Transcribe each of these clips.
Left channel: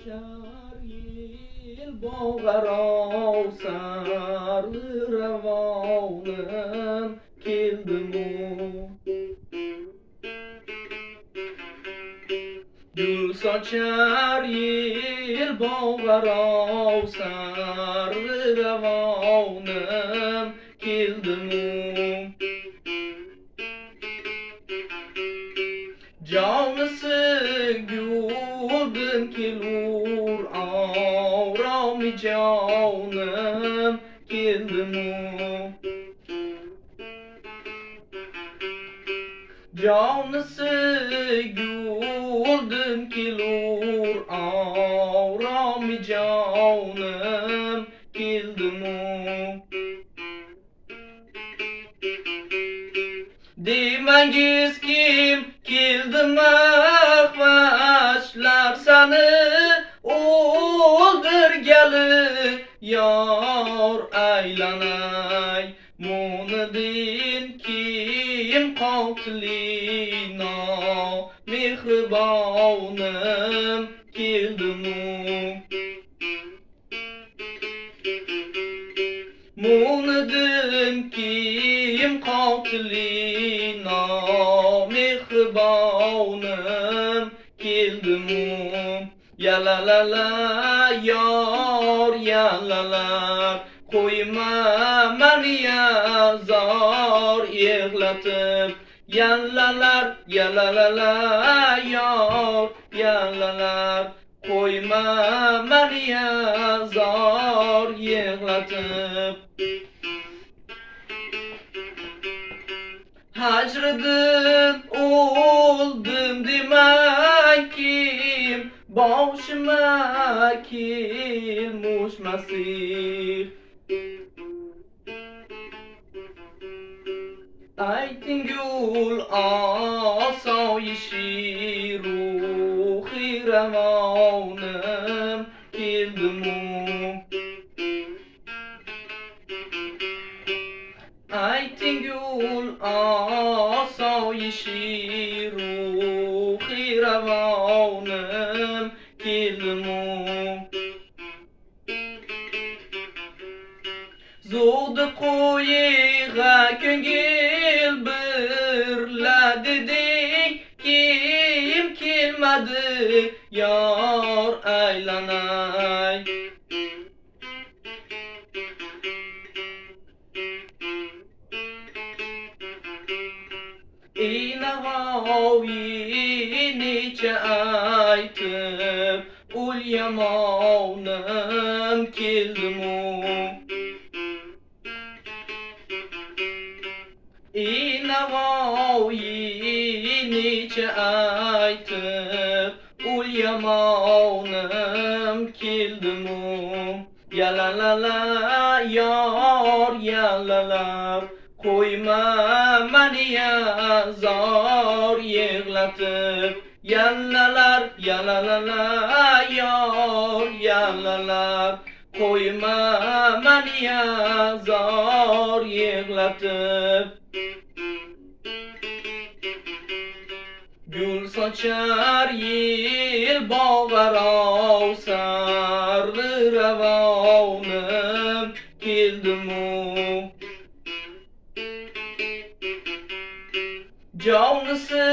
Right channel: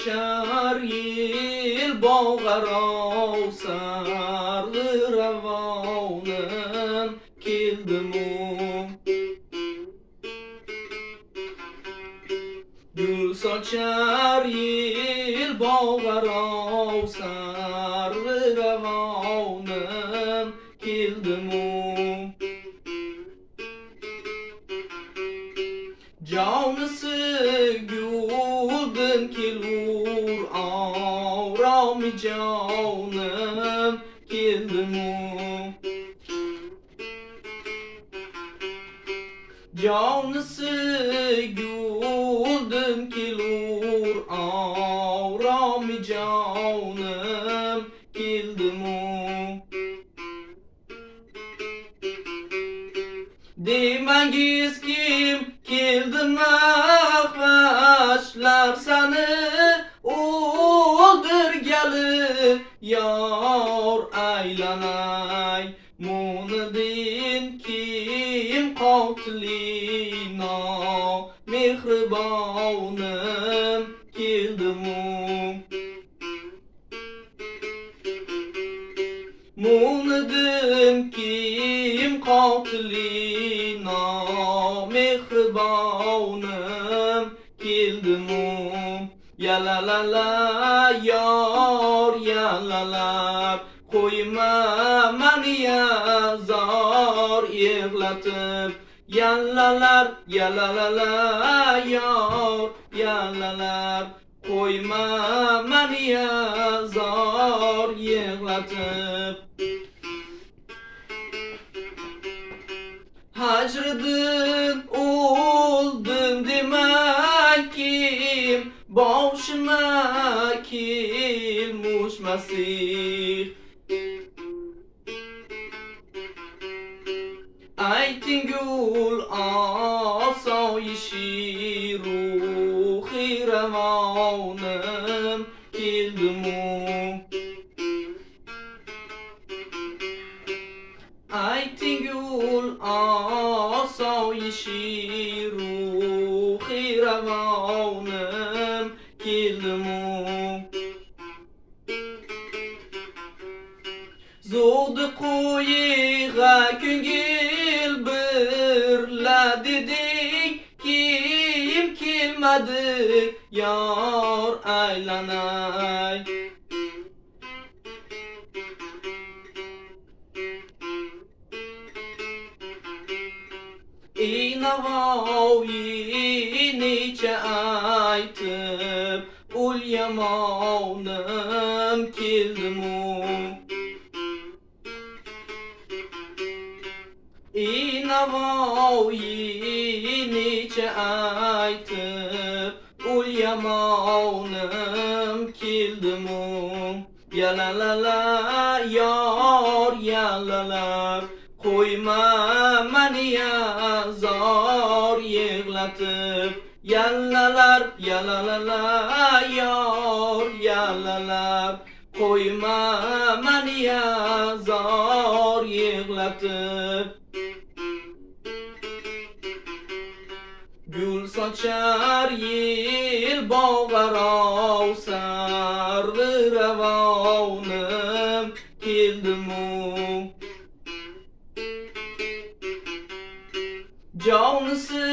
sochar yil bog'aro sarg'i ravonim keldimu. Gul sochar yil bog'aro sarg'i ravonim keldimu. Jonisi guldan kelur avromi jonim keldimu. Jonisi guldan kelur avromi jonim keldimu. Demangiz kim keldi mahvashlar sani o'ldirgali yor aylanay. Munidin kim qotilino mehribonim keldimu. Munidin kim qotilino mehribonim keldimu. Yalalala yor yalalar qo'yma mani zor yig'latib. Yallalar yalalala yor yalalar qo'yma mani zor yig'latib. Hajridan o'ldim demang kim boshima kelmush Masih. Ayting gul osoyishi ruhi ravonim keldimu. Ayting gul osoyishi ruhi ravonim keldimu. Zo'di qo'yiga ko'ngil birla dedik, kim kelmadi yor aylanay. Ey Navoiy necha aytib ul yamonim keldimu. Ey Navoiy necha aytib ul yamonim keldimu. Yalalala yor yalalar qo'yma mani zor yig'latib. Yallalar yalalala yor yalalar qo'yma mani zor yig'latib. Gul sochar yil bog'aro sarg'i ravonim keldimu. Jonisi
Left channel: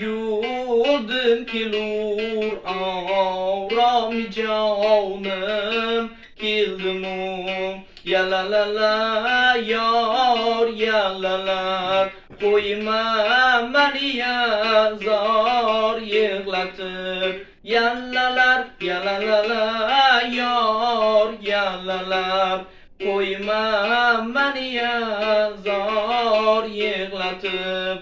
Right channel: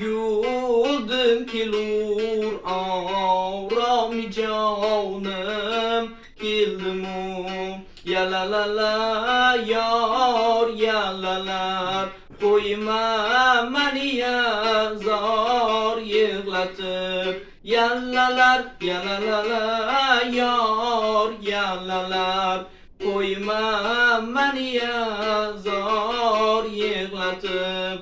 guldan kelur avromi jonim keldimu. Yalalala yor yalalar qo'yma mani zor yig'latib. Yallalar yalalala yor yalalar qo'yma mani zor yig'latib.